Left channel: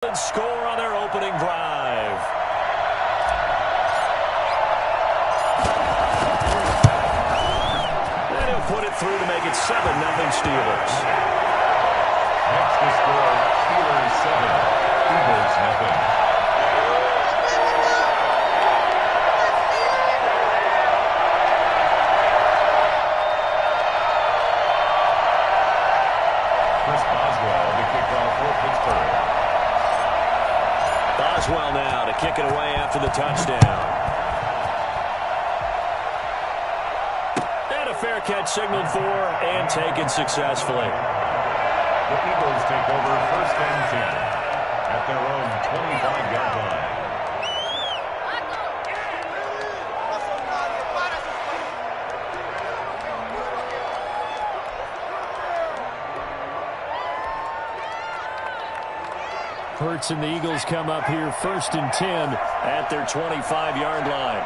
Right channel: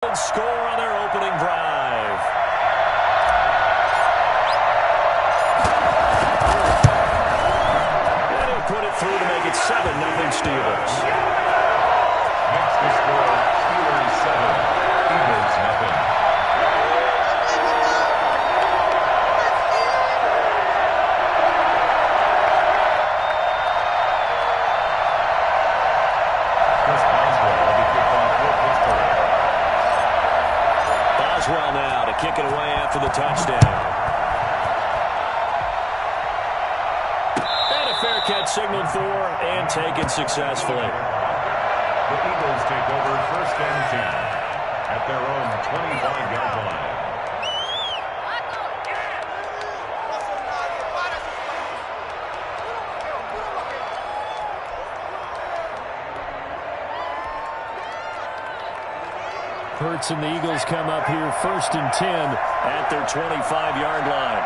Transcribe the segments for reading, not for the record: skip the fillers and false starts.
Score on their opening drive. And he'll put it through to make it 7-0 Steelers. Next to score, Steelers 7, Eagles 0. Chris Boswell to kick off for Pittsburgh. Boswell now to kick it away after the touchdown. And a fair catch signaled for and taken successfully. The Eagles take over 1st and 10 at their own 25-yard line. Hurts and the Eagles come up here 1st and 10 at their 25-yard line.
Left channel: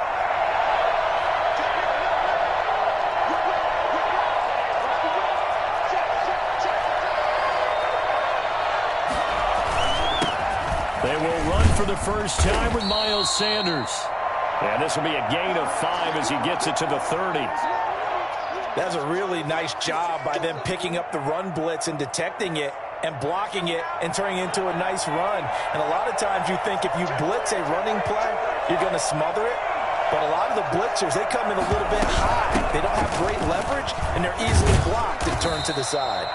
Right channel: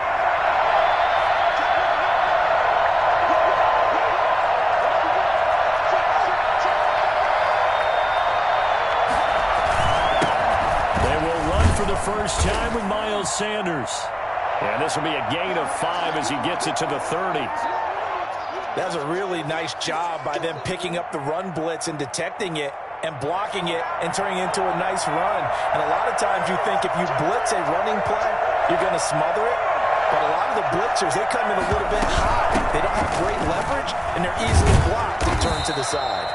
They will run for the first time with Miles Sanders. And this will be a gain of 5 as he gets it to the 30. That's a really nice job by them picking up the run blitz and detecting it and blocking it and turning it into a nice run. And a lot of times you think if you blitz a running play, you're going to smother it. But a lot of the blitzers, they come in a little bit high. They don't have great leverage, and they're easily blocked and turned to the side.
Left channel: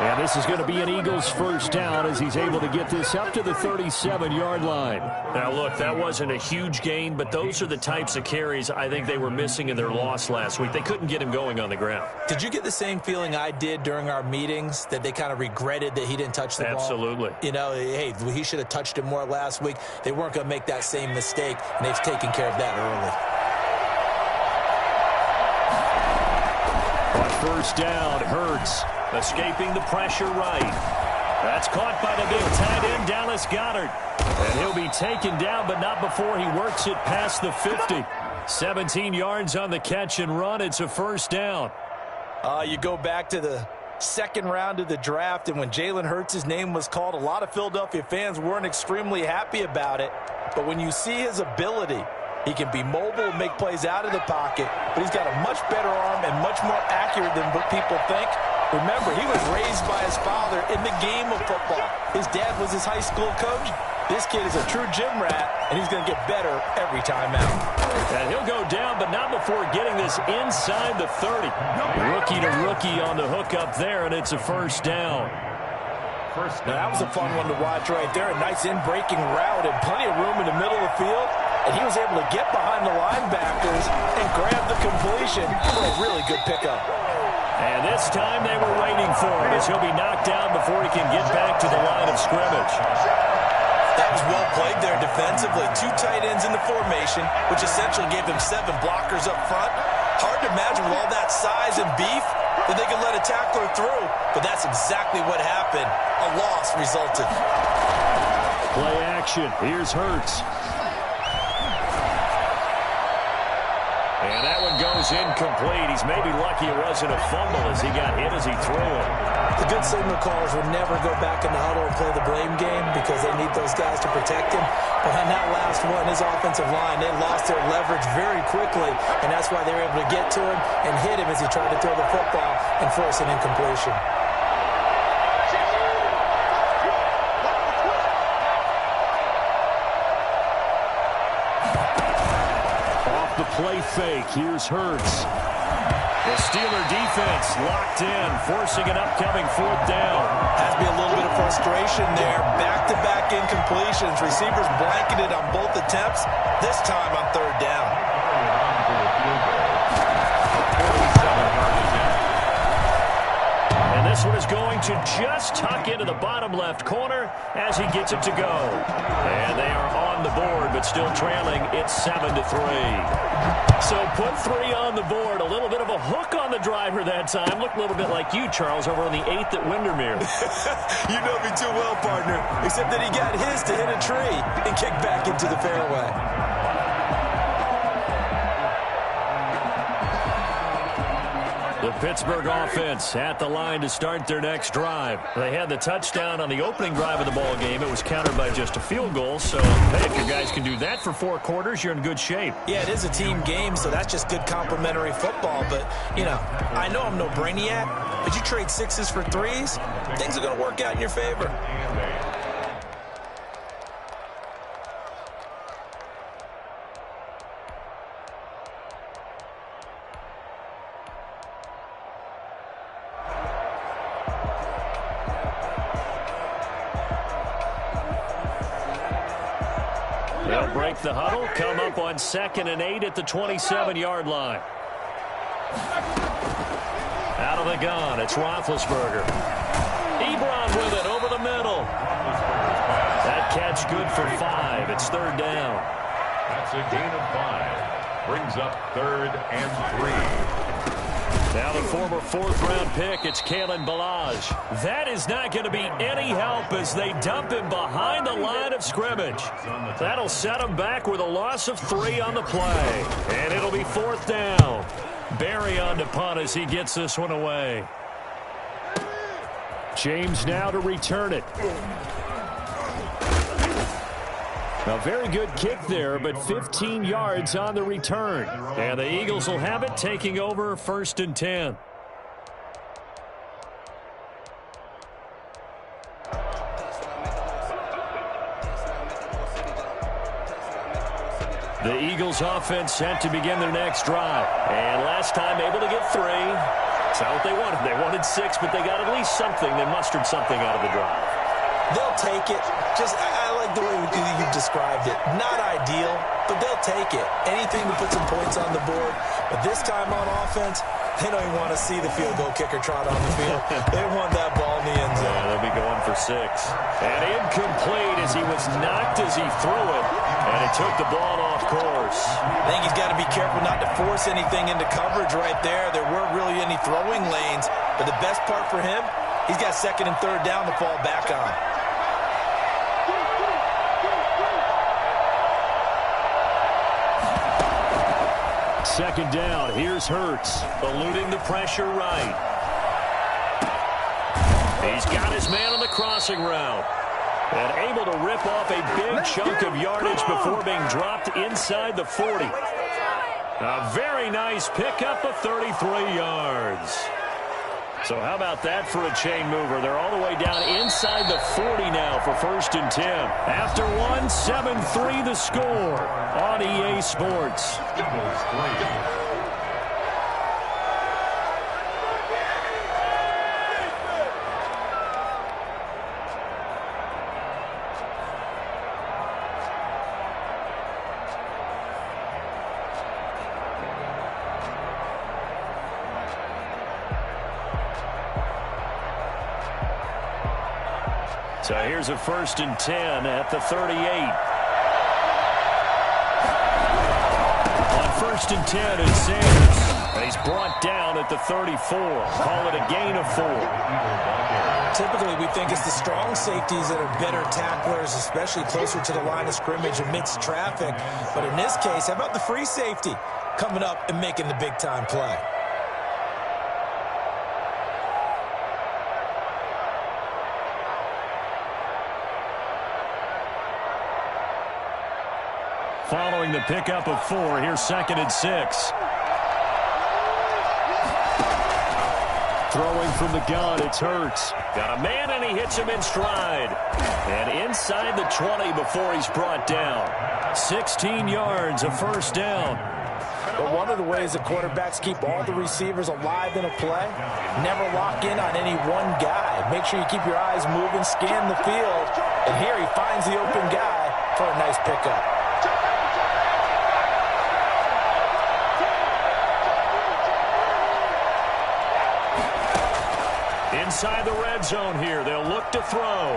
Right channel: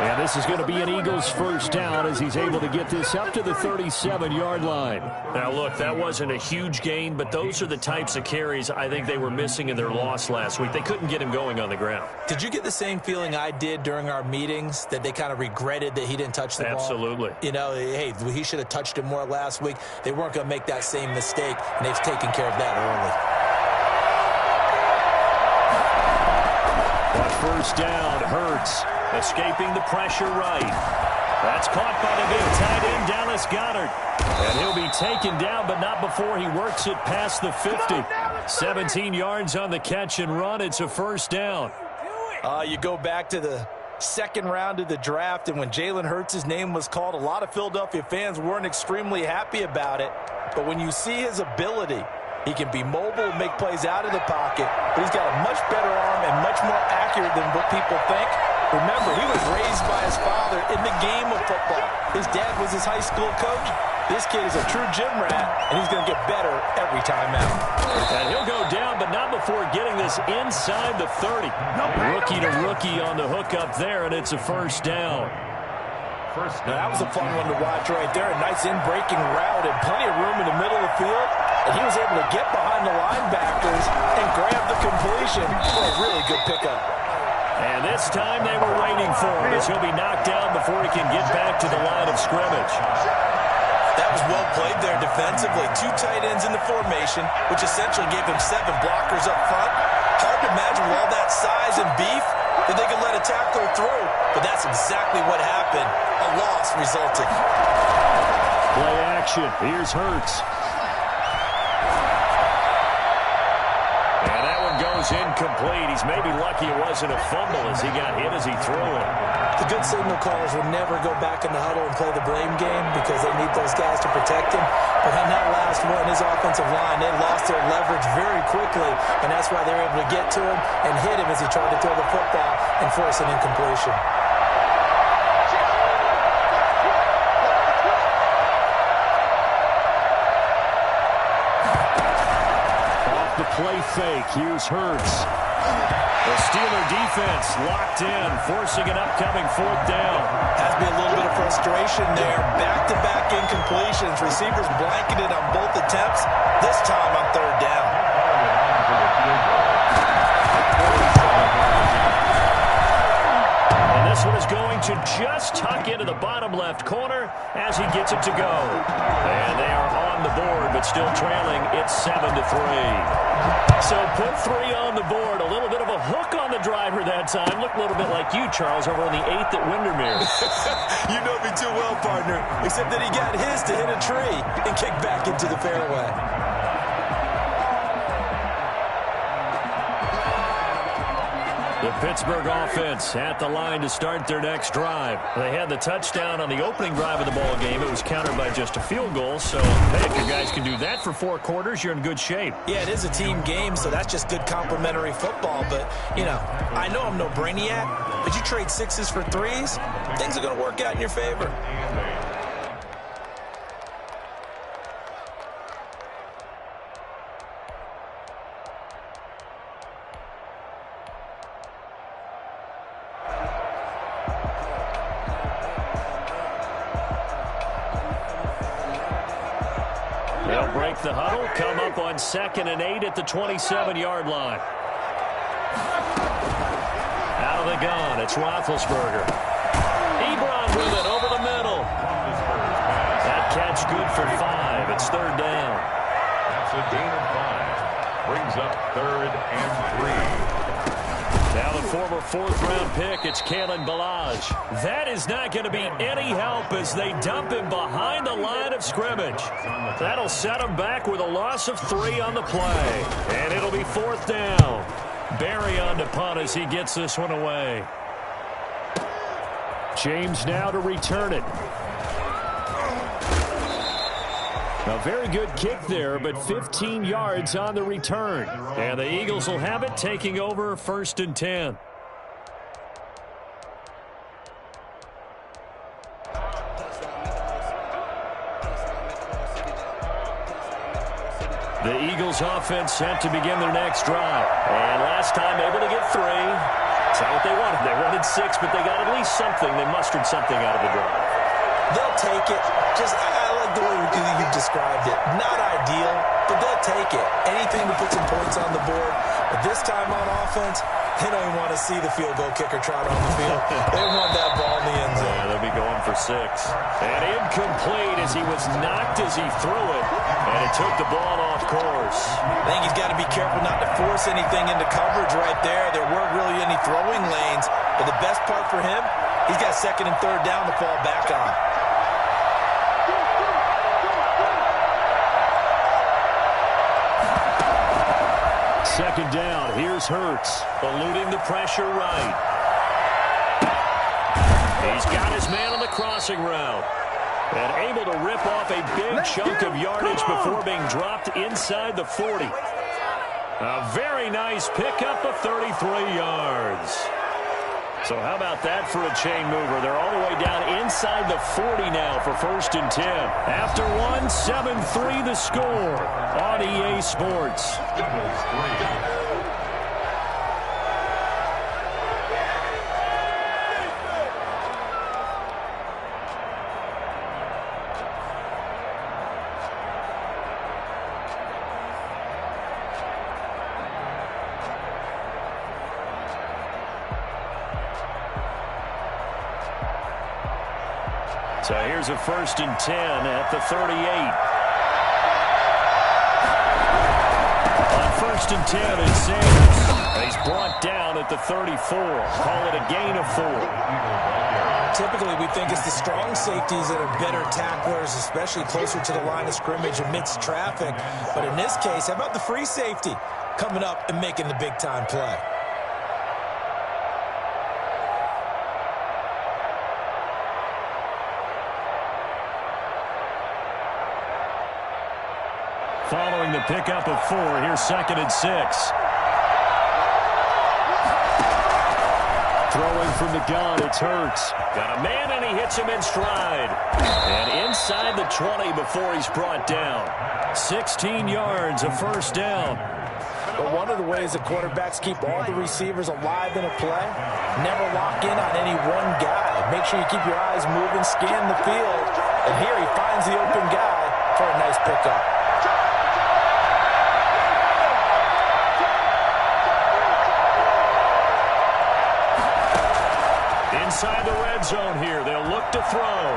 And this is going to be an Eagles first down as he's able to get this up to the 37-yard line. Now, look, that wasn't a huge gain, but those are the types of carries I think they were missing in their loss last week. They couldn't get him going on the ground. Did you get the same feeling I did during our meetings, that they kind of regretted that he didn't touch the ball? Absolutely. You know, hey, he should have touched it more last week. They weren't going to make that same mistake, and they've taken care of that early. On first down, Hurts. Escaping the pressure right. That's caught by the big tight end, Dallas Goedert. And he'll be taken down, but not before he works it past the 50. 17 yards on the catch and run. It's a first down. You go back to the second round of the draft, and when Jalen Hurts' name was called, a lot of Philadelphia fans weren't extremely happy about it. But when you see his ability, he can be mobile, make plays out of the pocket, but he's got a much better arm and much more accurate than what people think. Remember, he was raised by his father in the game of football. His dad was his high school coach. This kid is a true gym rat, and he's going to get better every time out. And he'll go down, but not before getting this inside the 30. Rookie to rookie on the hook up there, and it's a first down. Now, that was a fun one to watch right there. A nice in-breaking route and plenty of room in the middle of the field. And he was able to get behind the linebackers and grab the completion for a really good pickup. And this time they were waiting for him as he'll be knocked down before he can get back to the line of scrimmage. That was well played there defensively. 2 tight ends in the formation, which essentially gave him 7 blockers up front. Hard to imagine with all that size and beef that they could let a tackler through. But that's exactly what happened. A loss resulted. Play action. Here's Hurts. And that one goes incomplete. He's maybe lucky it wasn't a fumble as he got hit as he threw it. The good signal callers will never go back in the huddle and play the blame game because they need those guys to protect him. But on that last one, his offensive line, they lost their leverage very quickly, and that's why they were able to get to him and hit him as he tried to throw the football and force an incompletion. The play fake. Here's Hurts. The Steeler defense locked in, forcing an upcoming fourth down. Has to be a little bit of frustration there. Back-to-back incompletions. Receivers blanketed on both attempts, this time on third down. And this one is going to just tuck into the bottom left corner as he gets it to go. And they are on the board, but still trailing. It's 7-3. So put 3 on the board. A little bit of a hook on the driver that time. Looked a little bit like you, Charles, over on the 8th at Windermere. You know me too well, partner. Except that he got his to hit a tree and kick back into the fairway. The Pittsburgh offense at the line to start their next drive. They had the touchdown on the opening drive of the ball game. It was countered by just a field goal. So, hey, if your guys can do that for 4 quarters, you're in good shape. Yeah, it is a team game, so that's just good complementary football. But, you know, I know I'm no brainiac, but you trade 6s for 3s, things are going to work out in your favor. They'll break the huddle, come up on 2nd and 8 at the 27-yard line. Out of the gun, it's Roethlisberger. Ebron with it over the middle. That catch good for 5. It's 3rd down. That's a gain of 5. Brings up 3rd and 3. Now the former 4th-round pick, it's Kalen Ballage. That is not going to be any help as they dump him behind the line of scrimmage. That'll set him back with a loss of 3 on the play. And it'll be 4th down. Barry on to punt as he gets this one away. James now to return it. A very good kick there, but 15 yards on the return. And the Eagles will have it, taking over 1st and 10. The Eagles offense set to begin their next drive. And last time able to get 3. It's not what they wanted. They wanted 6, but they got at least something. They mustered something out of the drive. They'll take it. I like the way you described it. Not ideal, but they'll take it. Anything to put some points on the board. But this time on offense, they don't even want to see the field goal kicker trot on the field. They want that ball in the end zone. Yeah, they'll be going for 6. And incomplete as he was knocked as he threw it. And it took the ball off course. I think he's got to be careful not to force anything into coverage right there. There weren't really any throwing lanes. But the best part for him, he's got 2nd and 3rd down to fall back on. Second down, here's Hurts, eluding the pressure right. He's got his man on the crossing route. And able to rip off a big chunk of yardage before being dropped inside the 40. A very nice pickup of 33 yards. So how about that for a chain mover? They're all the way down inside the 40 now for 1st and 10. After 1, 7-3 the score on EA Sports. Eagles 3. So here's a 1st and 10 at the 38. On 1st and 10, it's Sanders. He's brought down at the 34. Call it a gain of 4. Typically, we think it's the strong safeties that are better tacklers, especially closer to the line of scrimmage amidst traffic. But in this case, how about the free safety coming up and making the big-time play? Following the pickup of 4, here's 2nd and 6. Throwing from the gun, it's Hurts. Got a man, and he hits him in stride. And inside the 20 before he's brought down. 16 yards, a 1st down. But one of the ways that quarterbacks keep all the receivers alive in a play, never lock in on any one guy. Make sure you keep your eyes moving, scan the field. And here he finds the open guy for a nice pickup. Inside the red zone here, they'll look to throw.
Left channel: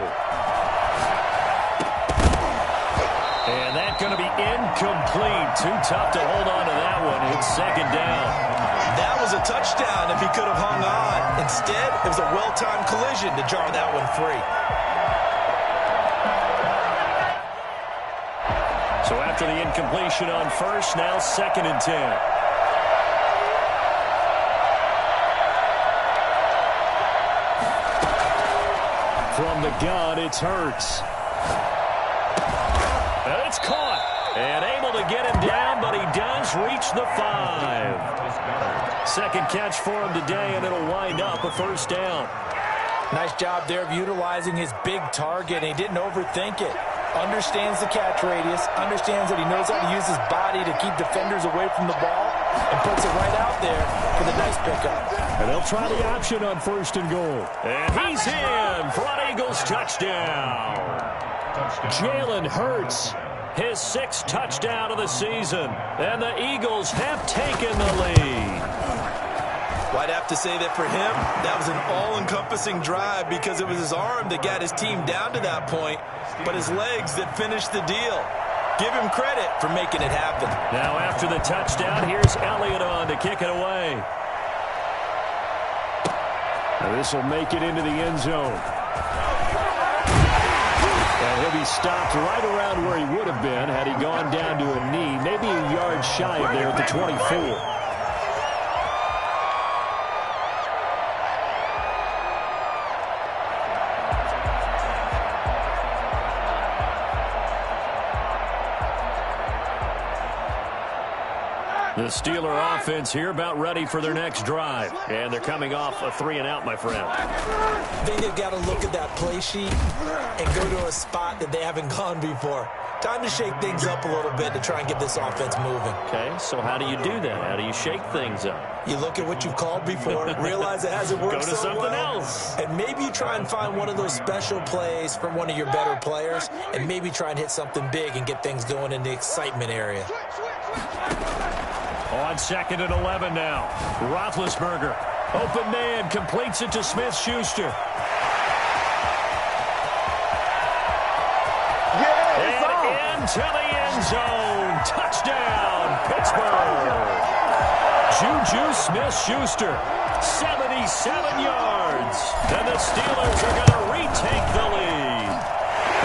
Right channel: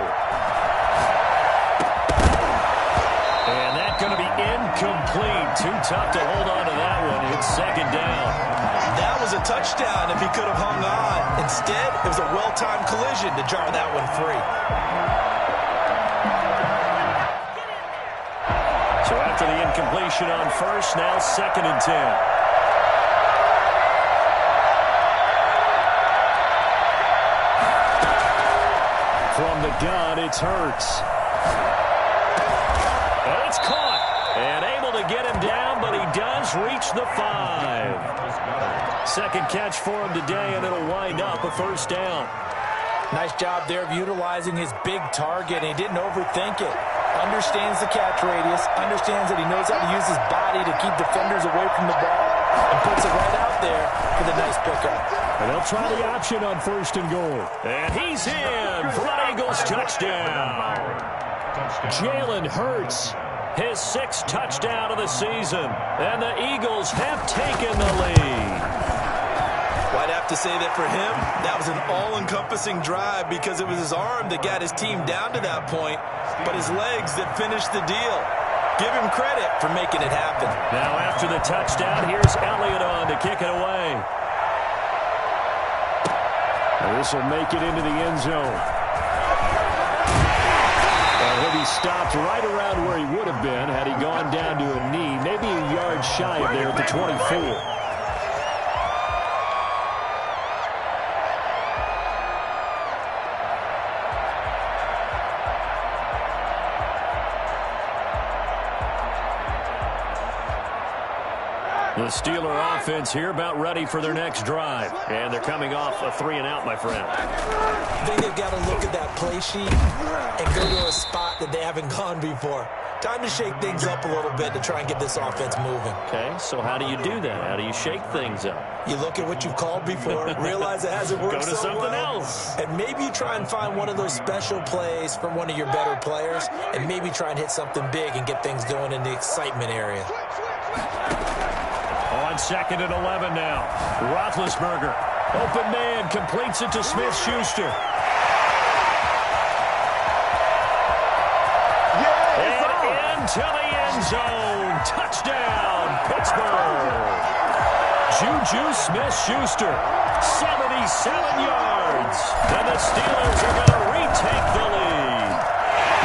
And that's going to be incomplete. Too tough to hold on to that one. It's 2nd down. That was a touchdown if he could have hung on. Instead, it was a well-timed collision to jar that one free. So after the incompletion on 1st, now 2nd and 10. From the gun, it's Hurts. And it's caught. And able to get him down, but he does reach the 5. Second catch for him today, and it'll wind up a first down. Nice job there of utilizing his big target. He didn't overthink it. Understands the catch radius, understands that he knows how to use his body to keep defenders away from the ball, and puts it right out there for the nice pickup. And they'll try the option on 1st and goal. And he's in for an Eagles touchdown. Jalen Hurts, his 6th touchdown of the season. And the Eagles have taken the lead. Well, I'd have to say that for him, that was an all-encompassing drive because it was his arm that got his team down to that point, but his legs that finished the deal. Give him credit for making it happen. Now after the touchdown, here's Elliott on to kick it away. Now this will make it into the end zone. And he'll be stopped right around where he would have been had he gone down to a knee, maybe a yard shy of there at the 24. The Steeler offense here about ready for their next drive. And they're coming off a 3-and-out, my friend. I think they've got to look at that play sheet and go to a spot that they haven't gone before. Time to shake things up a little bit to try and get this offense moving. Okay, so how do you do that? How do you shake things up? You look at what you've called before, realize it hasn't worked so so something well, else. and maybe you try and find one of those special plays from one of your better players, and maybe try and hit something big and get things going in the excitement area. On 2nd and 11 now. Roethlisberger. Open man. Completes it to Smith-Schuster. And into the end zone. Touchdown, Pittsburgh. Juju Smith-Schuster. 77 yards. And the Steelers are going to retake the lead.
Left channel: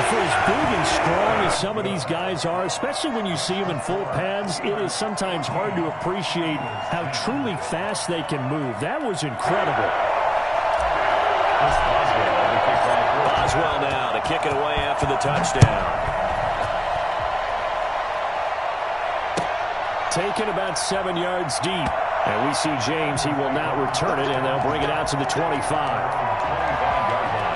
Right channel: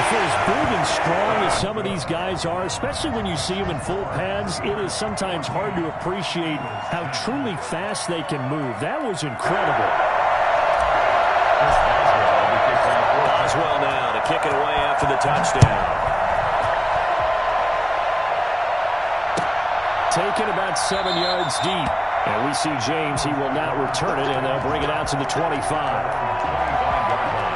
For as big and strong as some of these guys are, especially when you see them in full pads, it is sometimes hard to appreciate how truly fast they can move. That was incredible. Boswell now to kick it away after the touchdown. Taken about 7 yards deep. And we see James, he will not return it, and they'll bring it out to the 25. 25-yard line.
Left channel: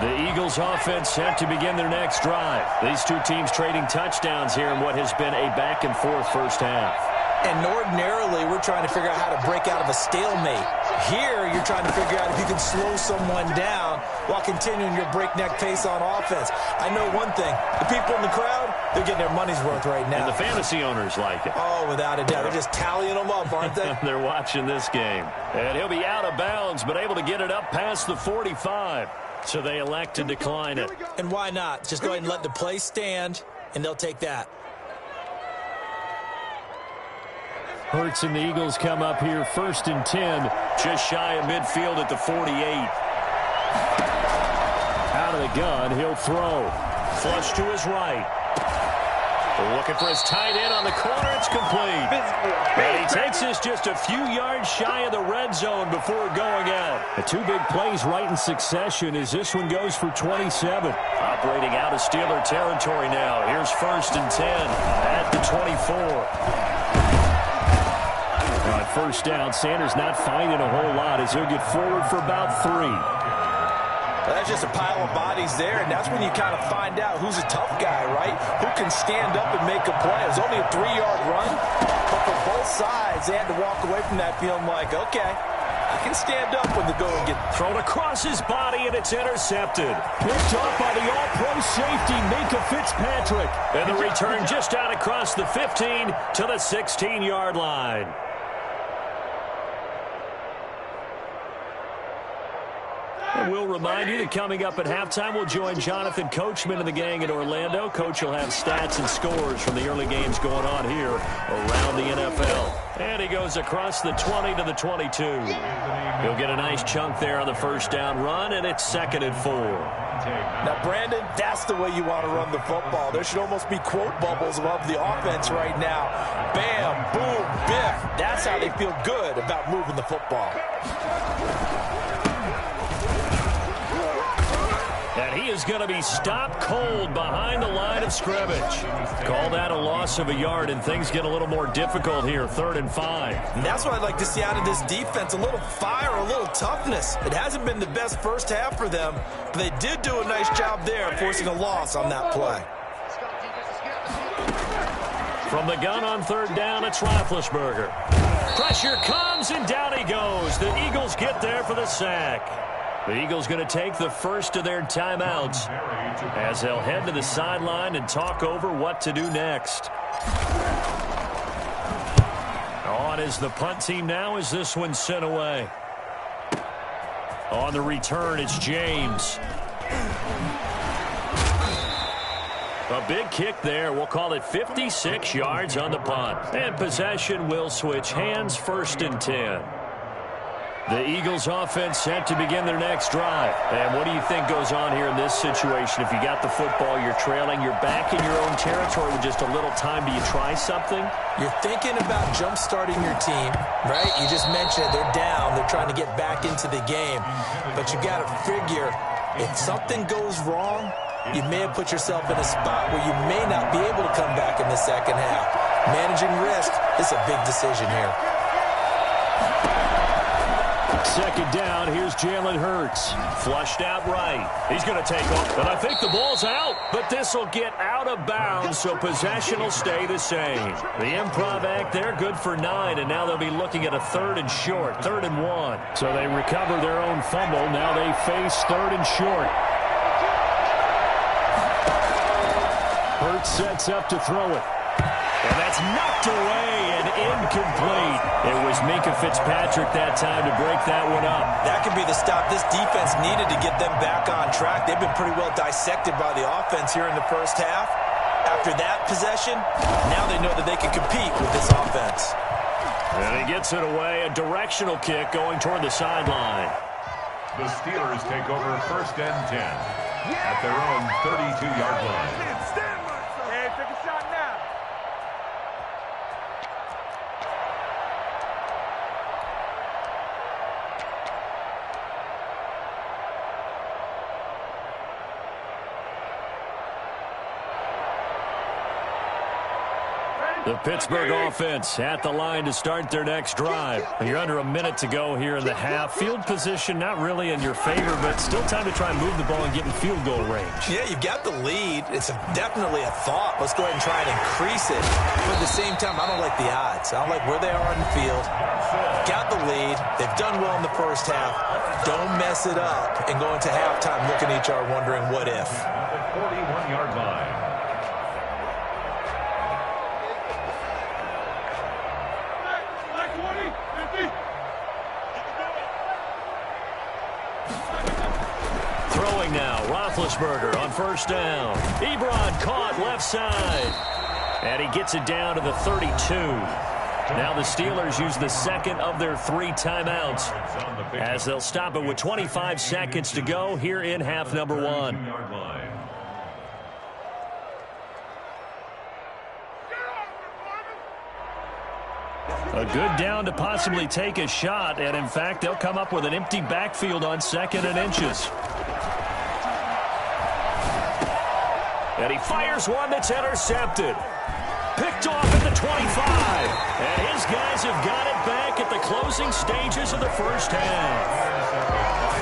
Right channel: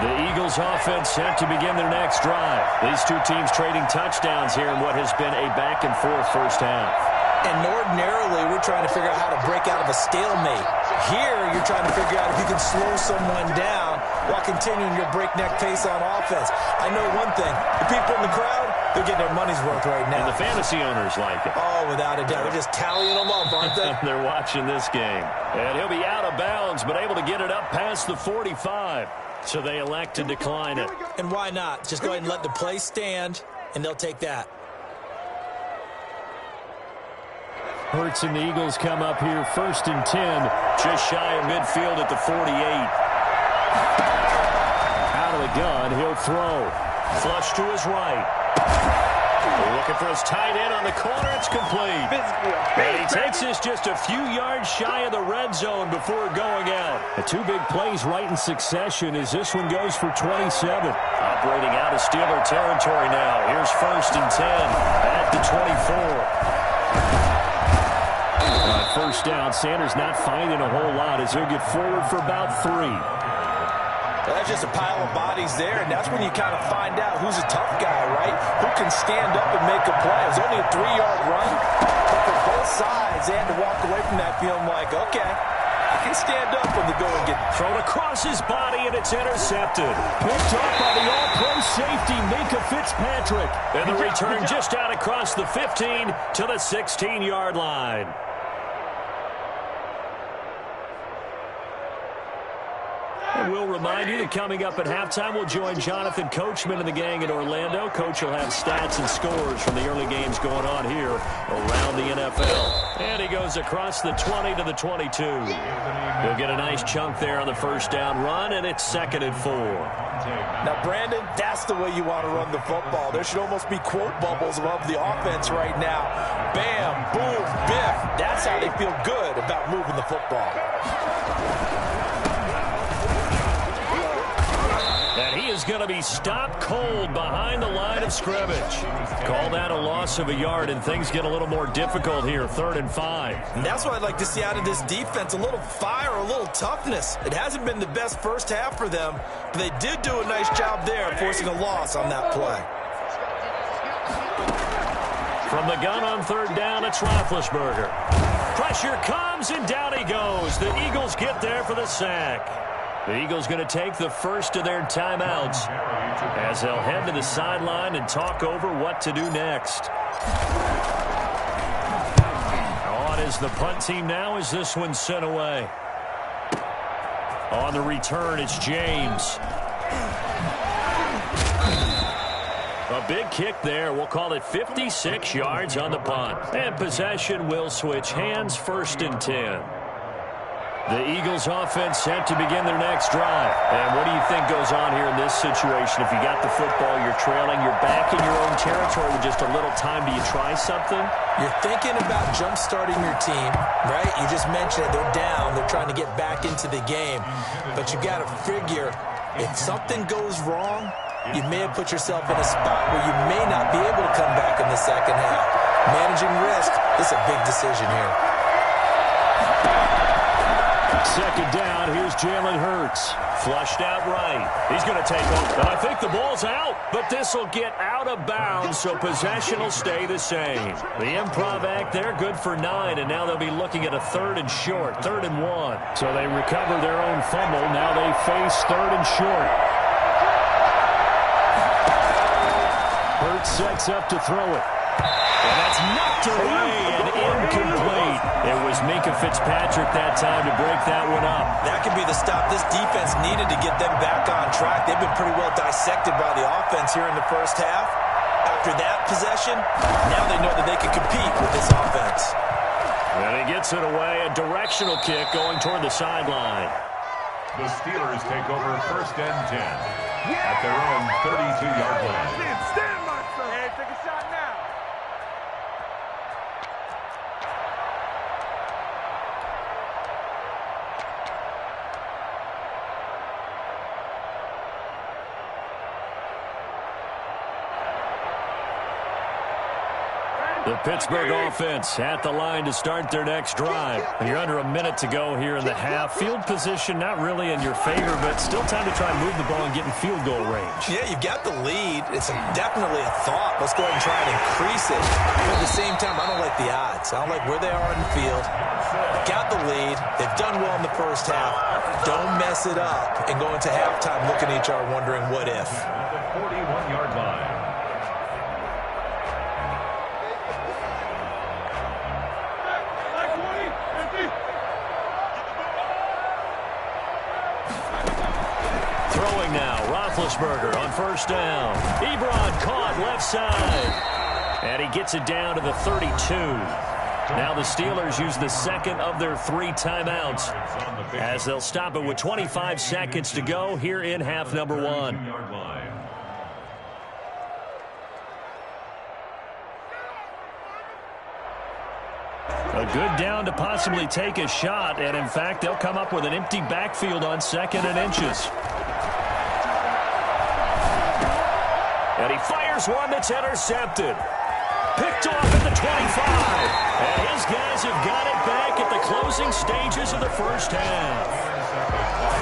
The Eagles offense set to begin their next drive. These two teams trading touchdowns here in what has been a back-and-forth first half. And ordinarily, we're trying to figure out how to break out of a stalemate. Here, you're trying to figure out if you can slow someone down while continuing your breakneck pace on offense. I know one thing. The people in the crowd, they're getting their money's worth right now. And the fantasy owners like it. Oh, without a doubt. They're just tallying them up, aren't they? They're watching this game. And he'll be out of bounds, but able to get it up past the 45. So they elect to decline it. And why not? Just go ahead and let the play stand, and they'll take that. Hurts and the Eagles come up here 1st and 10. Just shy of midfield at the 48. Out of the gun, he'll throw. Flush to his right. Looking for his tight end on the corner. It's complete. And he takes this just a few yards shy of the red zone before going out. The two big plays right in succession as this one goes for 27. Operating out of Steeler territory now. Here's 1st and 10 at the 24. On 1st down, Sanders not finding a whole lot as he'll get forward for about 3. Well, that's just a pile of bodies there, and that's when you kind of find out who's a tough guy, right? Who can stand up and make a play. It was only a 3-yard run, but for both sides, they had to walk away from that feeling like, okay, I can stand up when the going gets thrown across his body, and it's intercepted. Picked up by the all-pro safety, Minkah Fitzpatrick. And the return just out across the 15 to the 16-yard line. And we'll remind you that coming up at halftime, we'll join Jonathan Coachman and the gang in Orlando. Coach will have stats and scores from the early games going on here around the NFL. And he goes across the 20 to the 22. He'll get a nice chunk there on the 1st down run, and it's 2nd and 4. Now, Brandon, that's the way you want to run the football. There should almost be quote bubbles above the offense right now. Bam, boom, biff. That's how they feel good about moving the football. And he is going to be stopped cold behind the line of scrimmage. Call that a loss of a yard, and things get a little more difficult here, 3rd and 5. And that's what I'd like to see out of this defense, a little fire, a little toughness. It hasn't been the best first half for them, but they did do a nice job there, forcing a loss on that play. From the gun on 3rd down, it's Roethlisberger. Pressure comes, and down he goes. The Eagles get there for the sack. The Eagles going to take the first of their timeouts as they'll head to the sideline and talk over what to do next. On is the punt team now as this one's sent away. On the return, it's James. A big kick there. We'll call it 56 yards on the punt. And possession will switch hands, 1st and 10. The Eagles offense set to begin their next drive. And what do you think goes on here in this situation? If you got the football, you're trailing, you're back in your own territory with just a little time. Do you try something? You're thinking about jump-starting your team, right? You just mentioned it. They're down. They're trying to get back into the game. But you got to figure, if something goes wrong, you may have put yourself in a spot where you may not be able to come back in the second half. Managing risk is a big decision here. 2nd down, here's Jalen Hurts. Flushed out right. He's going to take off, and I think the ball's out, but this will get out of bounds, so possession will stay the same. The improv act, they're good for 9, and now they'll be looking at a 3rd and short, 3rd and 1. So they recover their own fumble. Now they face 3rd and short. Hurts sets up to throw it. And that's knocked away and incomplete. It was Minkah Fitzpatrick that time to break that one up. That could be the stop this defense needed to get them back on track. They've been pretty well dissected by the offense here in the first half. After that possession, now they know that they can compete with this offense. And he gets it away, a directional kick going toward the sideline. The Steelers take over 1st and 10 at their own 32-yard line. Stand by, sir. Hey, take a shot now. The Pittsburgh offense at the line to start their next drive. You're under a minute to go here in the half. Field position not really in your favor, but still time to try and move the ball and get in field goal range. Yeah, you've got the lead. It's definitely a thought. Let's go ahead and try and increase it. But at the same time, I don't like the odds. I don't like where they are on the field. Got the lead. They've done well in the first half. Don't mess it up and go into halftime looking at each other wondering what if. At the 41-yard line. Throwing now, Roethlisberger on 1st down. Ebron caught left side. And he gets it down to the 32. Now the Steelers use the 2nd of their 3 timeouts as they'll stop it with 25 seconds to go here in half number 1. A good down to possibly take a shot, and in fact, they'll come up with an empty backfield on 2nd and inches. And he fires one that's intercepted. Picked off at the 25. And his guys have got it back at the closing stages of the first half.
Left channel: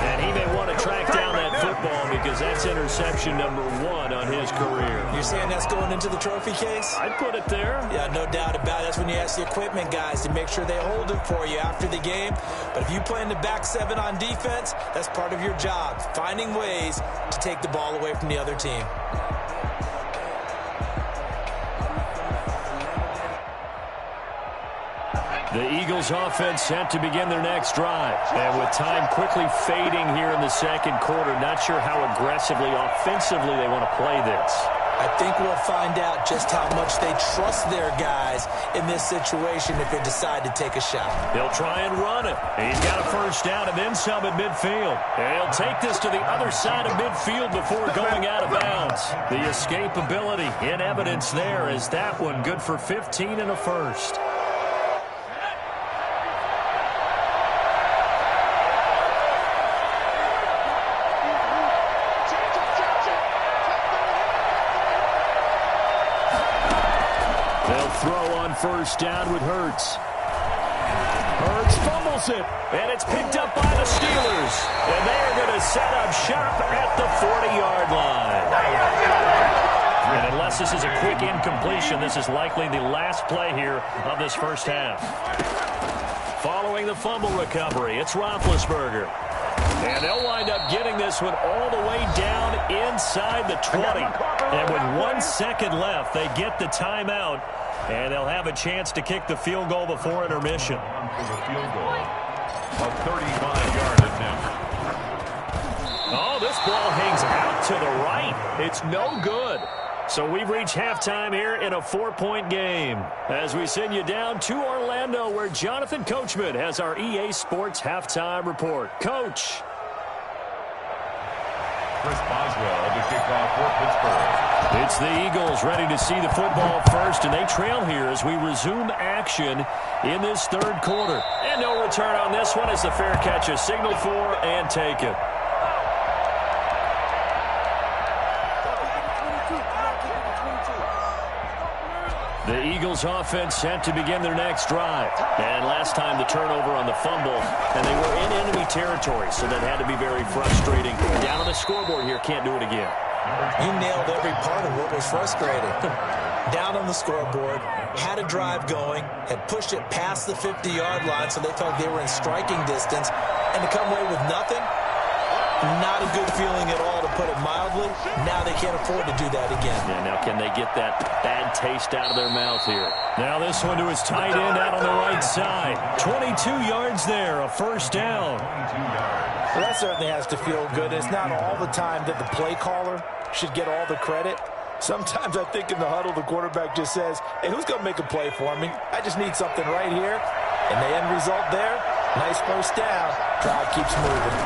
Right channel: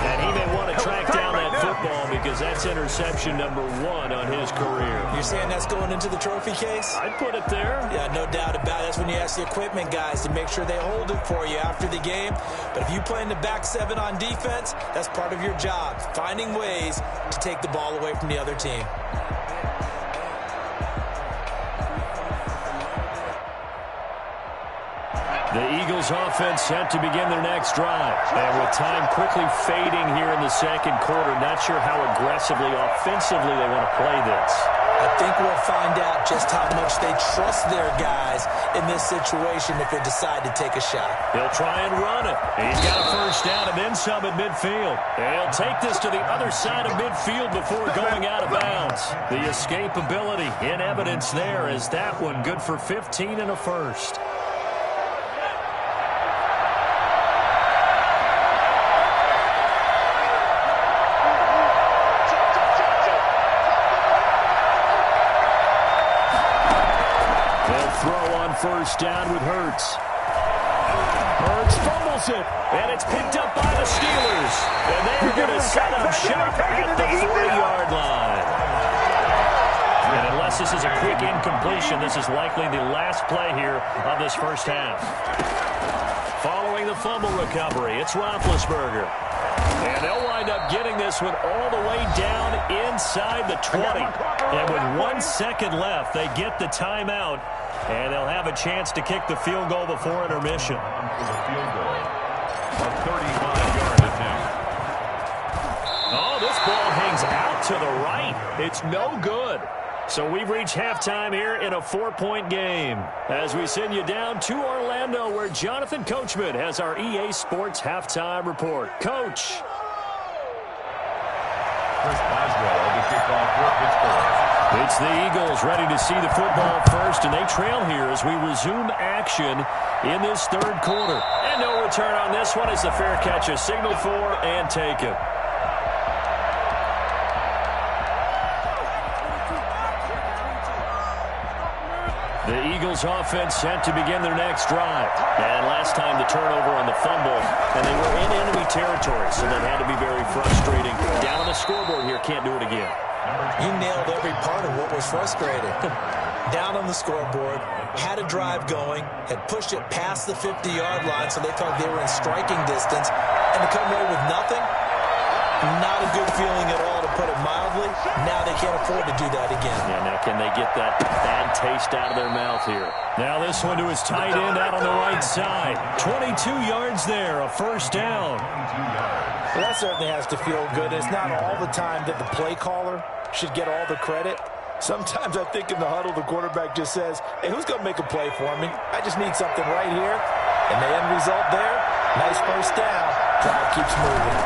And he may want to track down that football because that's interception number 1 on his career. You're saying that's going into the trophy case? I'd put it there. Yeah, no doubt about it. That's when you ask the equipment guys to make sure they hold it for you after the game. But if you play in the back 7 on defense, that's part of your job, finding ways to take the ball away from the other team. The Eagles offense set to begin their next drive. And with time quickly fading here in the second quarter, not sure how aggressively, offensively they want to play this. I think we'll find out just how much they trust their guys in this situation if they decide to take a shot. He'll try and run it. He's got a first down and then some at midfield. And he'll take this to the other side of midfield before going out of bounds. The escapability in evidence there is that one good for 15 and a first. Throw on first down with Hurts. Hurts fumbles it, and it's picked up by the Steelers. And they are going to set up shop at the 40-yard line. And unless this is a quick incompletion, this is likely the last play here of this first half. Following the fumble recovery, it's Roethlisberger. And they'll wind up getting this one all the way down inside the 20. And with 1 second left, they get the timeout. And they'll have a chance to kick the field goal before intermission. For the field goal, a 35-yard attempt. Oh, this ball hangs out to the right. It's no good. So we've reached halftime here in a 4-point game. As we send you down to Orlando, where Jonathan Coachman has our EA Sports halftime report. Coach. Chris Boswell to kick off for Pittsburgh. It's the Eagles ready to see the football first, and they trail here as we resume action in this third quarter. And no return on this one as the fair catch is signaled for and taken. The Eagles offense set to begin their next drive. And last time the turnover on the fumble, and they were in enemy territory, so that had to be very frustrating. Down on the scoreboard here, can't do it again. You nailed every part of what was frustrating. Down on the scoreboard, had a drive going, had pushed it past the 50-yard line, so they felt they were in striking distance, and to come away with nothing, not a good feeling at all, to put it mildly. Now they can't afford to do that again. Yeah, now can they get that bad taste out of their mouth here? Now this one to his tight end out on the right side. 22 yards there, a first down. 22 yards. Well, that certainly has to feel good. It's not all the time that the play caller should get all the credit. Sometimes I think in the huddle, the quarterback just says, hey, who's going to make a play for me? I just need something right here. And the end result there, nice first down. Drive keeps moving.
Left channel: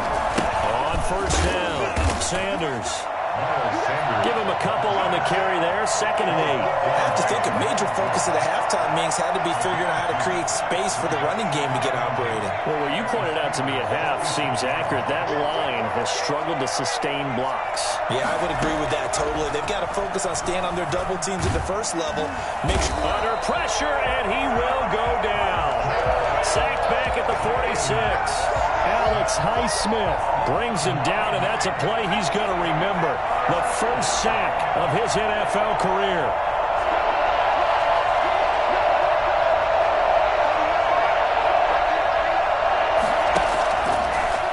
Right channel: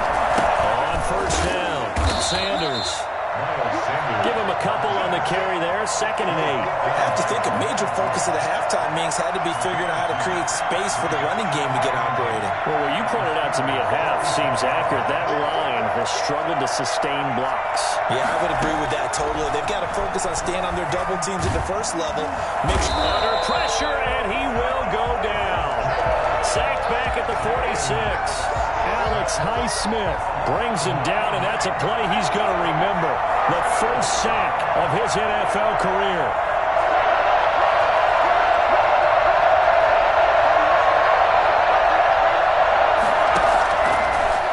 On first down, Sanders. Miles Sanders. Give him a couple on the carry there, 2nd and 8. I have to think a major focus of the halftime meetings had to be figuring out how to create space for the running game to get operating. Well, what you pointed out to me at half seems accurate. That line has struggled to sustain blocks. Yeah, I would agree with that totally. They've got to focus on staying on their double teams at the first level. Make sure under pressure, and he will go down. Sacked back at the 46. Alex Highsmith brings him down, and that's a play he's going to remember. The first sack of his NFL career.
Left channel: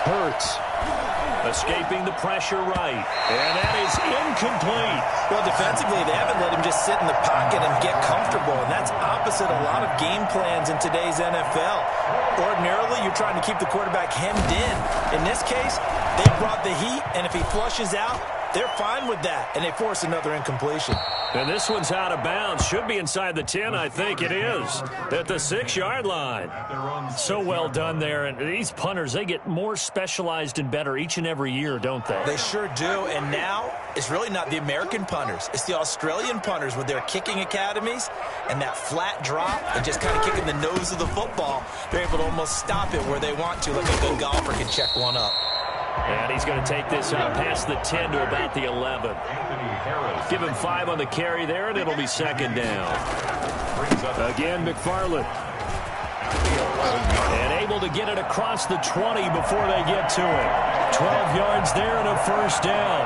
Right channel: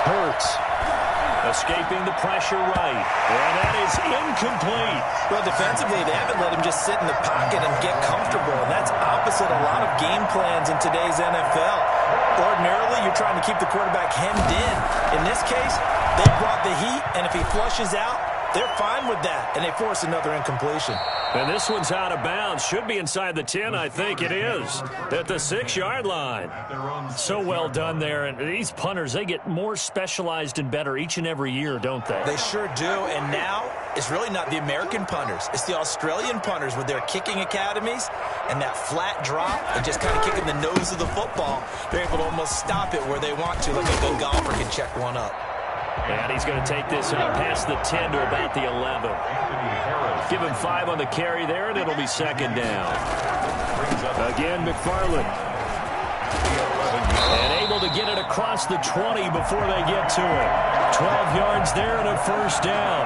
Hurts escaping the pressure right, and that is incomplete. Well, defensively, they haven't let him just sit in the pocket and get comfortable, and that's opposite a lot of game plans in today's NFL. Ordinarily, you're trying to keep the quarterback hemmed in. In this case, they brought the heat, and if he flushes out, they're fine with that, and they force another incompletion. And this one's out of bounds. Should be inside the 10, I think it is, at the 6-yard line. So well done there. And these punters, they get more specialized and better each and every year, don't they? They sure do. And now it's really not the American punters. It's the Australian punters with their kicking academies and that flat drop and just kind of kicking the nose of the football. They're able to almost stop it where they want to, like a good golfer can check one up. And he's going to take this out past the 10 to about the 11. Give him 5 on the carry there, and it'll be 2nd down. Again, McFarland. And able to get it across the 20 before they get to it. 12 yards there and a first down.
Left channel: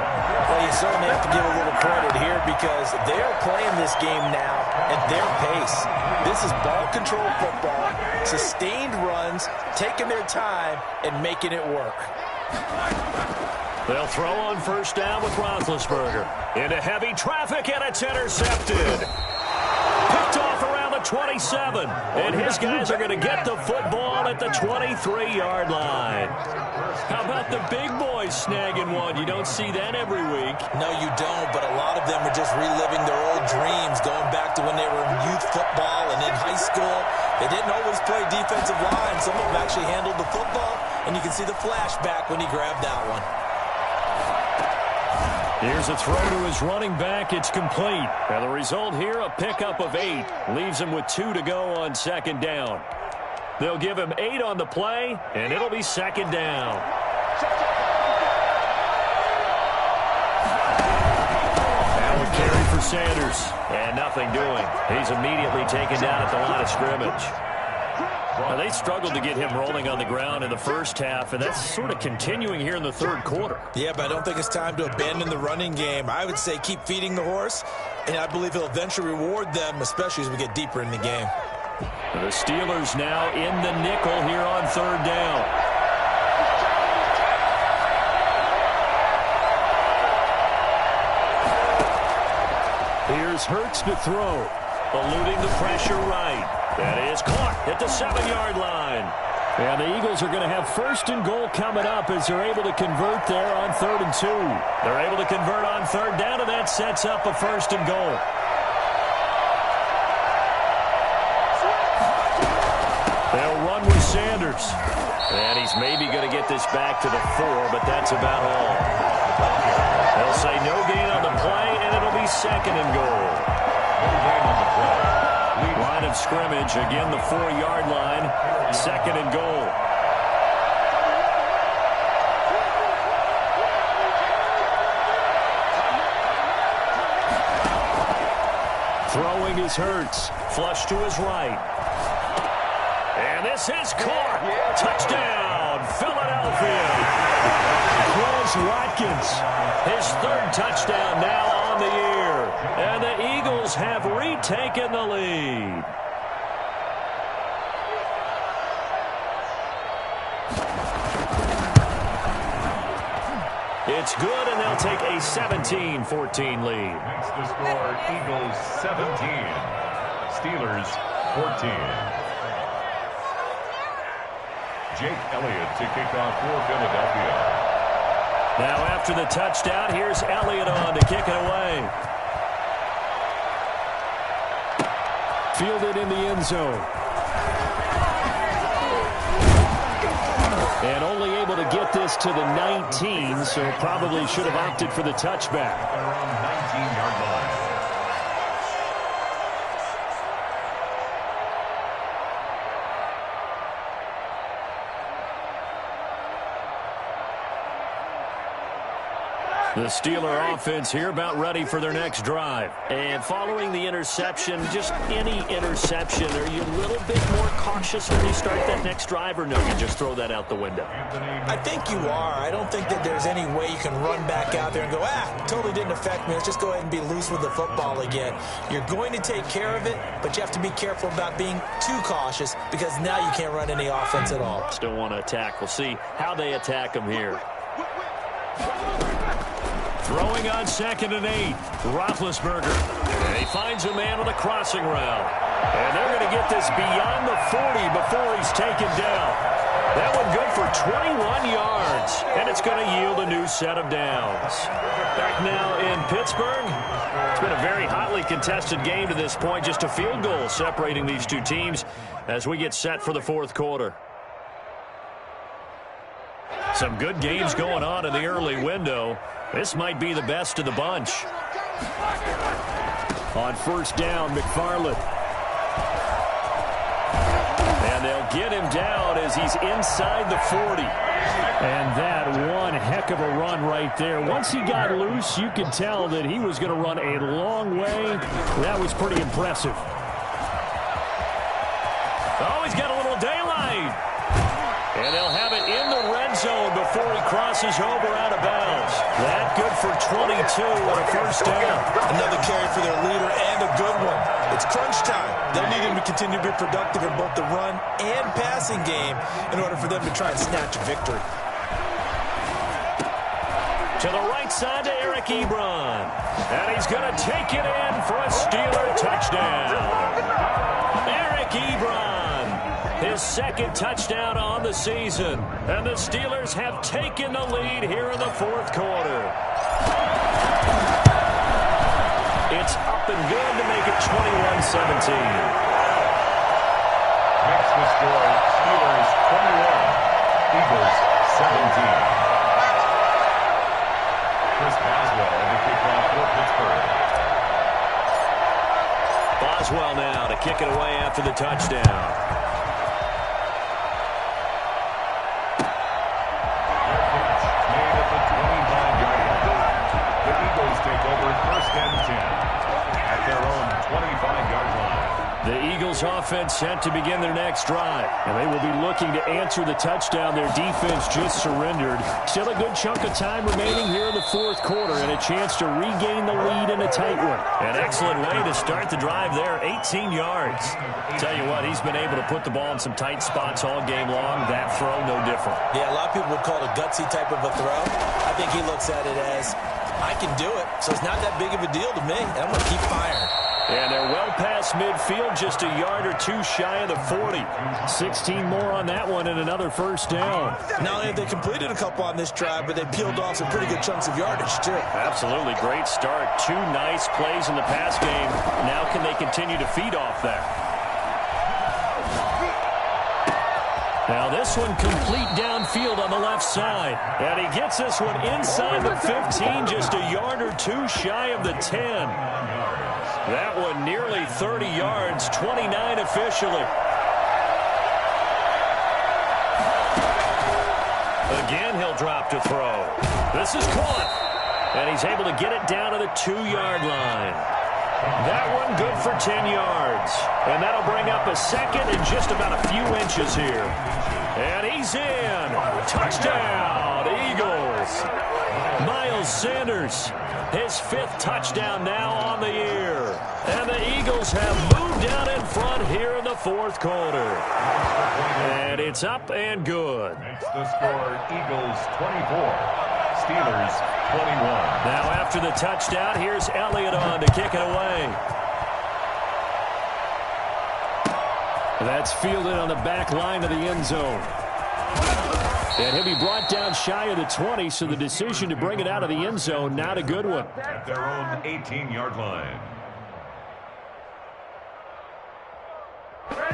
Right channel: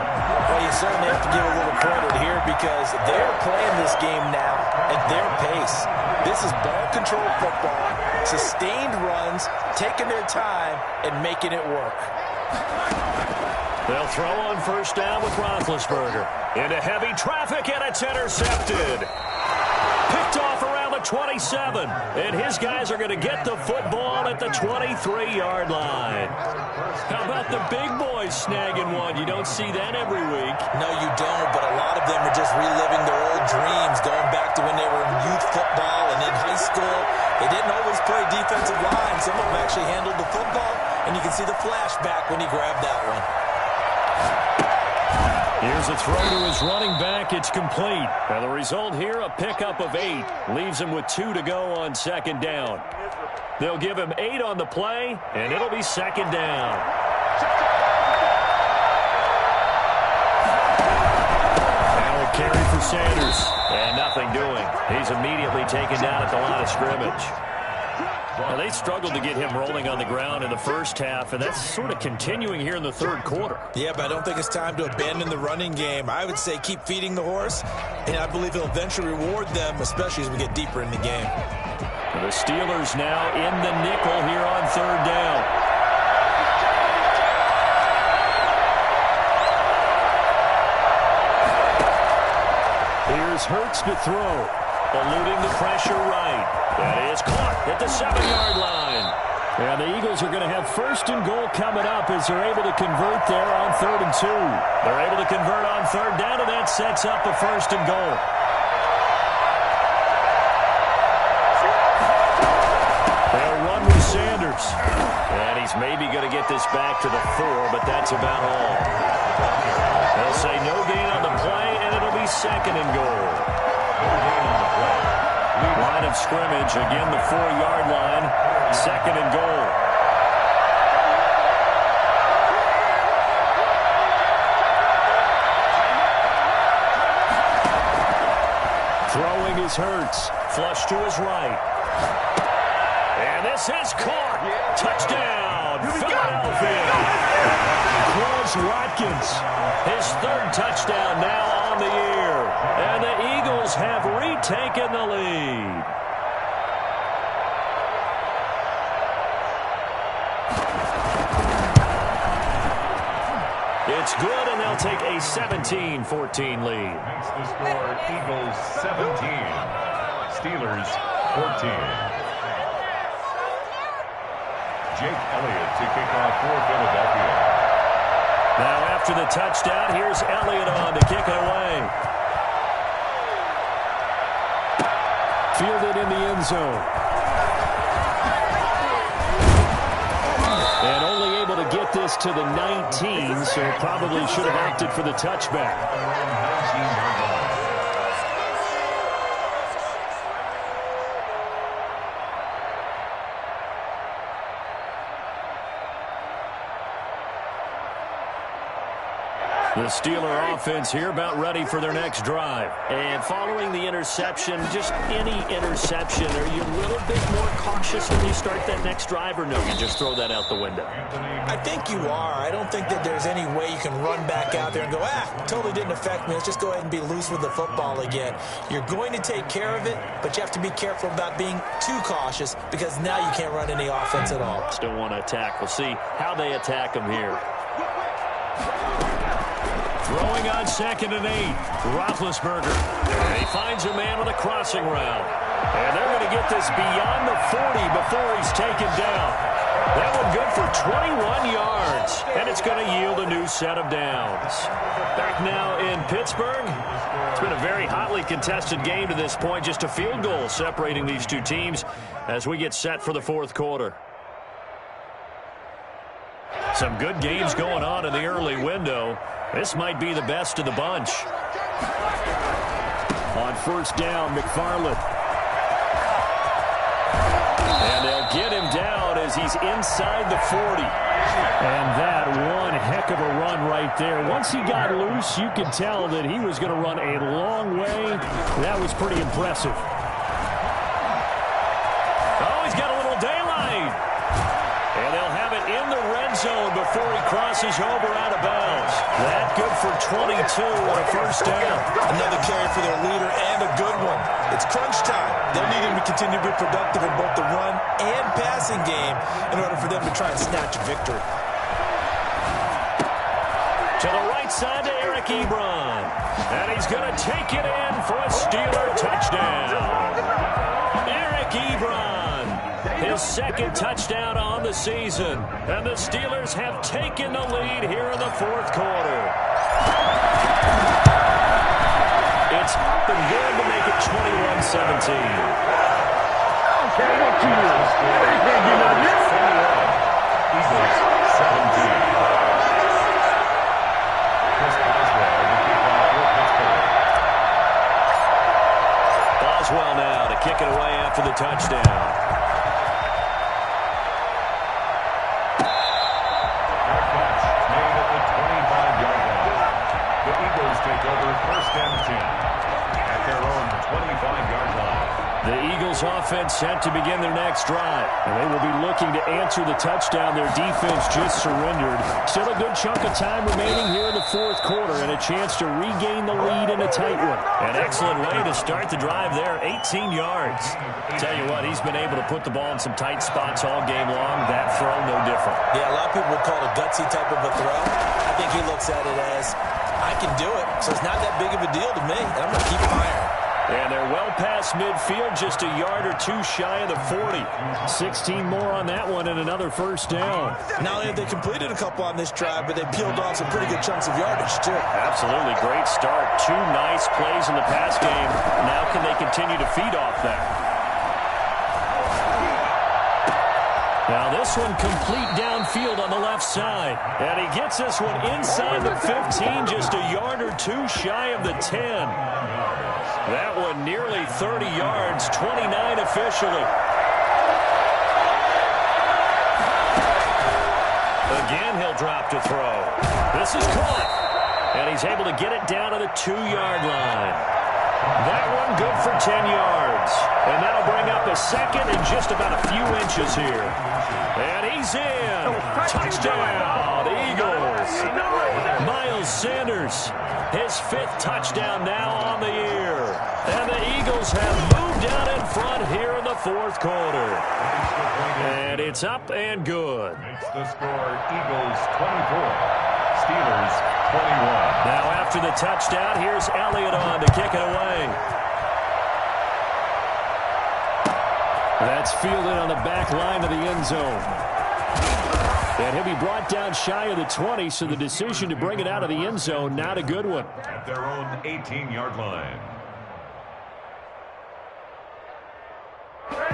Well, you certainly have to give a little credit here because they're playing this game now at their pace. This is ball control football, sustained runs, taking their time, and making it work. They'll throw on first down with Roethlisberger. Into heavy traffic, and it's intercepted. Picked off around the 27. And his guys are going to get the football at the 23-yard line. How about about the big boys snagging one? You don't see that every week. No, you don't, but a lot of them are just reliving their old dreams, going back to when they were in youth football and in high school. They didn't always play defensive line. Some of them actually handled the football, and you can see the flashback when he grabbed that one. Here's a throw to his running back. It's complete. And the result here, a pickup of 8. Leaves him with 2 to go on second down. They'll give him 8 on the play, and it'll be second down. Now a carry for Sanders. And nothing doing. He's immediately taken down at the line of scrimmage. Now, they struggled to get him rolling on the ground in the first half, and that's sort of continuing here in the third quarter. Yeah, but I don't think it's time to abandon the running game. I would say keep feeding the horse, and I believe he'll eventually reward them, especially as we get deeper in the game. The Steelers now in the nickel here on third down. Here's Hurts to throw. Eluding the pressure right. That is caught at the 7-yard line. And the Eagles are going to have first and goal coming up as they're able to convert there on 3rd and 2. They're able to convert on third down, and that sets up a first and goal. They'll run with Sanders. And he's maybe going to get this back to the 4, but that's about all. They'll say no gain on the play, and it'll be second and goal. No gain on the play. Line of scrimmage, again the 4-yard line, second and goal. Throwing is Hurts, flush to his right. And this is caught. Touchdown, Philadelphia. Quez Watkins, his 3rd touchdown now on the year. And the Eagles have retaken the lead. It's good, and they'll take a 17-14 lead. Makes the score Eagles 17, Steelers 14. Jake Elliott to kick off for Philadelphia. Now after the touchdown, here's Elliott on to kick it away. Fielded in the end zone. And only able to get this to the 19, so probably should have opted for the touchback. Around 19-yard line. The Steeler offense here about ready for their next drive. And following the interception, just any interception, are you a little bit more cautious when you start that next drive, or no, you just throw that out the window? I think you are. I don't think that there's any way you can run back out there and go, totally didn't affect me. Let's just go ahead and be loose with the football again. You're going to take care of it, but you have to be careful about being too cautious because now you can't run any offense at all. Still want to attack. We'll see how they attack them here. Throwing on 2nd and 8. Roethlisberger. And he finds a man on the crossing route. And they're going to get this beyond the 40 before he's taken down. That one good for 21 yards. And it's going to yield a new set of downs. Back now in Pittsburgh. It's been a very hotly contested game to this point. Just a field goal separating these two teams as we get set for the 4th quarter. Some good games going on in the early window. This might be the best of the bunch. On 1st down, McFarland. And they'll get him down as he's inside the 40. And that one heck of a run right there. Once he got loose, you could tell that he was going to run a long way. That was pretty impressive. Oh, he's got a little daylight. And they'll have it in the red zone before he crosses over out of bounds. That good for 22 and a first down. Another carry for their leader and a good one. It's crunch time. They'll need him to continue to be productive in both the run and passing game in order for them to try and snatch a victory. To the right side to Eric Ebron. And he's going to take it in for a Steeler touchdown. Eric Ebron his second touchdown on the season. And the Steelers have taken the lead here in the fourth quarter. It's up and good to make it 21-17. That's the score. Steelers 21, Eagles 17. Chris Boswell to kick off for Pittsburgh. Boswell now to kick it away after the touchdown. Fair catch made at the 25-yard line. The Eagles take over first and 10 at their own 25-yard line. The Eagles offense set to begin their next drive, and they will be looking to answer the touchdown their defense just surrendered. Still a good chunk of time remaining here in the fourth quarter and a chance to regain the lead in a tight one. An excellent way to start the drive there, 18 yards. Tell you what, he's been able to put the ball in some tight spots all game long. That throw, no different. Yeah, a lot of people would call it a gutsy type of a throw. I think he looks at it as, I can do it, so it's not that big of a deal to me, and I'm going to keep firing. And they're well past midfield, just a yard or two shy of the 40. 16 more on that one and another first down. Not only have they completed a couple on this drive, but they peeled off some pretty good chunks of yardage, too. Absolutely great start. Two nice plays in the pass game. Now can they continue to feed off that? Now this one complete downfield on the left side. And he gets this one inside the 15, just a yard or two shy of the 10. That one nearly 30 yards, 29 officially. Again, he'll drop to throw. This is caught. And he's able to get it down to the 2-yard line. That one good for 10 yards. And that'll bring up a second and just about a few inches here. And he's in. Touchdown, Eagles. Miles Sanders, his 5th touchdown now on the year. And the Eagles have moved out in front here in the fourth quarter. And it's up and good. Makes the score Eagles 24, Steelers 21. Now after the touchdown, here's Elliott on to kick it away. That's fielded on the back line of the end zone. And he'll be brought down shy of the 20, so the decision to bring it out of the end zone, not a good one. At their own 18-yard line.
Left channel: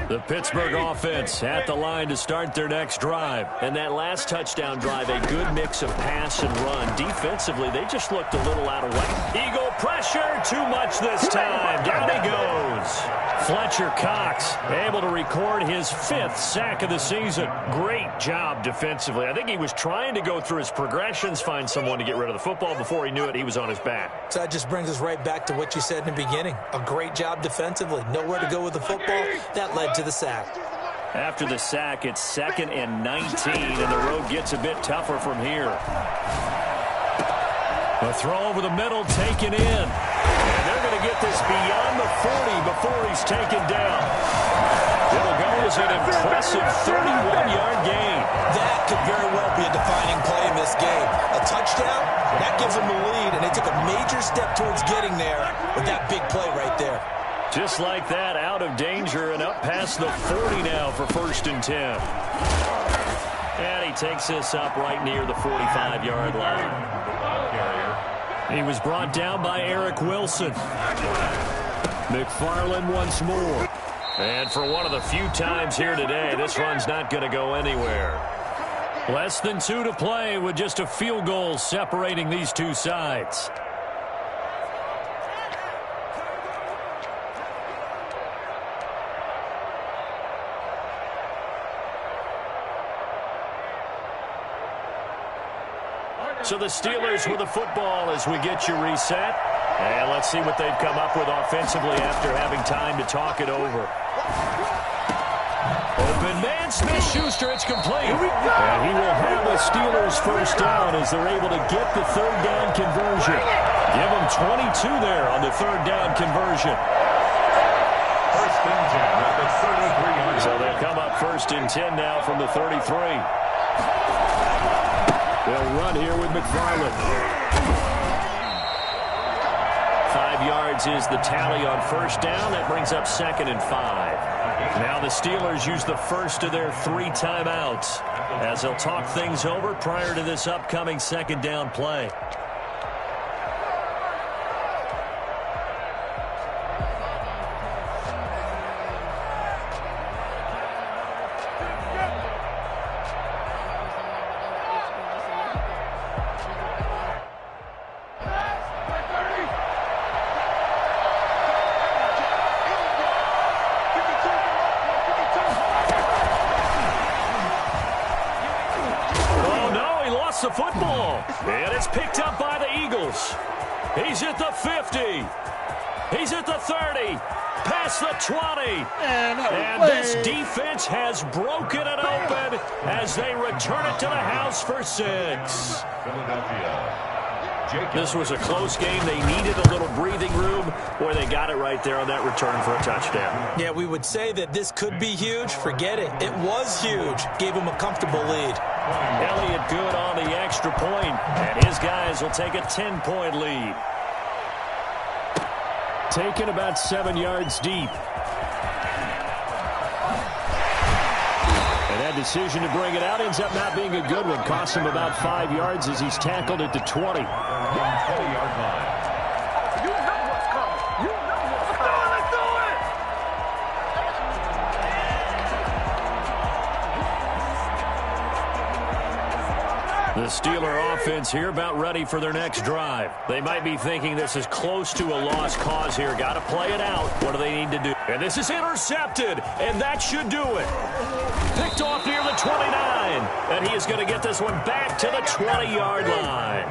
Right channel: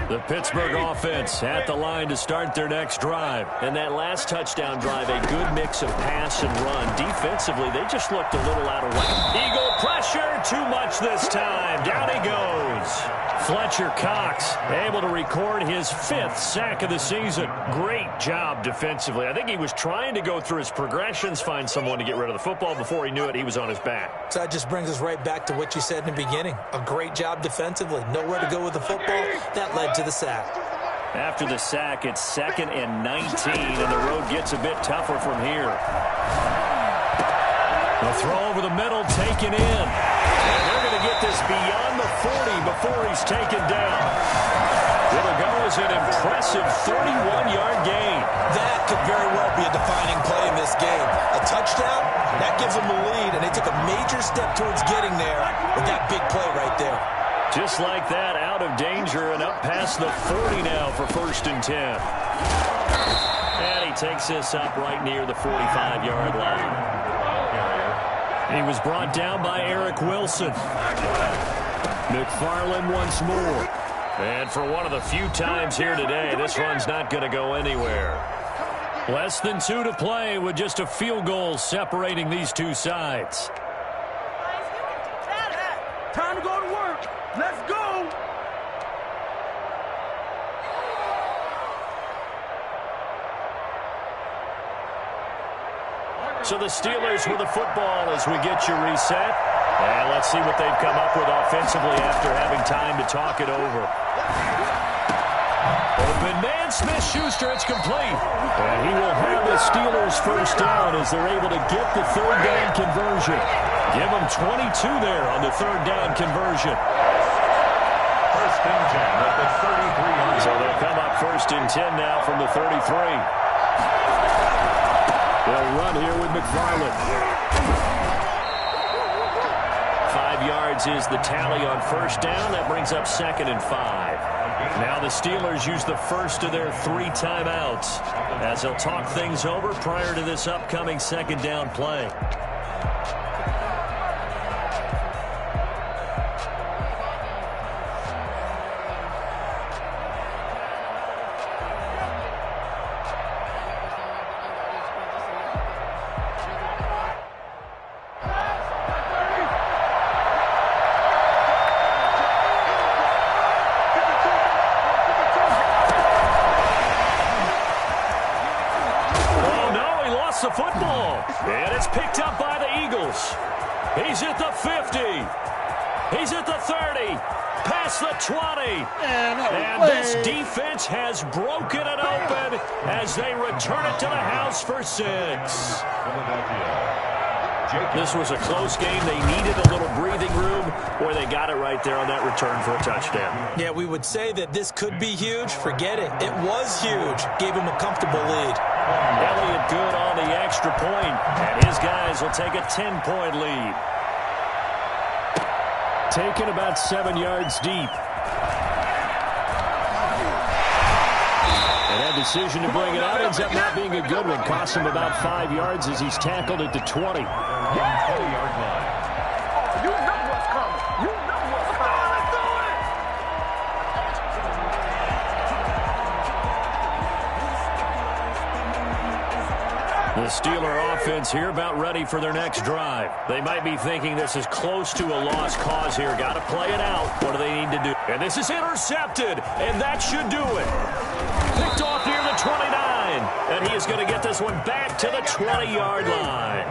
The Pittsburgh offense at the line to start their next drive. And that last touchdown drive, a good mix of pass and run. Defensively, they just looked a little out of whack. Eagle pressure, too much this time. Down he goes. Fletcher Cox able to record his 5th sack of the season. Great job defensively. I think he was trying to go through his progressions, find someone to get rid of the football. Before he knew it, he was on his back. So that just brings us right back to what you said in the beginning. A great job defensively. Nowhere to go with the football. That led to the sack. After the sack, it's 2nd and 19, and the road gets a bit tougher from here. The throw over the middle, taken in. And they're going to get this beyond the 40 before he's taken down. It'll go as an impressive 31-yard gain. That could very well be a defining play in this game. A touchdown, that gives them the lead, and they took a major step towards getting there with that big play right there. Just like that, out of danger and up past the 40 now for 1st and 10. And he takes this up right near the 45-yard line. He was brought down by Eric Wilson. McFarland once more. And for one of the few times here today, this run's not going to go anywhere. Less than 2 to play with just a field goal separating these two sides. Time to go to work. Let's go. So the Steelers with the football as we get you reset. And let's see what they've come up with offensively after having time to talk it over. Open man, Smith-Schuster, it's complete. And he will have the Steelers first down as they're able to get the 3rd down conversion. Give them 22 there on the 3rd down conversion. 1st and 10 at the 33-yard line. So they'll come up 1st and 10 now from the 33. They'll run here with McFarland. 5 yards is the tally on first down. That brings up 2nd and 5. Now the Steelers use the first of their 3 timeouts as they'll talk things over prior to this upcoming 2nd down play. The football, and it's picked up by the Eagles. He's at the 50. He's at the 30. Past the 20. And this defense has broken it open as they return it to the house for 6. This was a close game. They needed a little breathing room. Boy, they got it right there on that return for a touchdown. Yeah, we would say that this could be huge. Forget it. It was huge. Gave him a comfortable lead. Elliott good on the extra point, and his guys will take a 10-point lead. Taken about 7 yards deep. And that decision to bring it out ends up not being a good one. Cost him about 5 yards as he's tackled at the 20. 20-yard line. Oh, you know what's coming. You know what's coming. Let's do it. The Steeler offense here about ready for their next drive. They might be thinking this is close to a lost cause here. Got to play it out. What do they need to do? And this is intercepted, and that should do it. Picked off near the 29, and he is going to get this one back to the 20-yard line.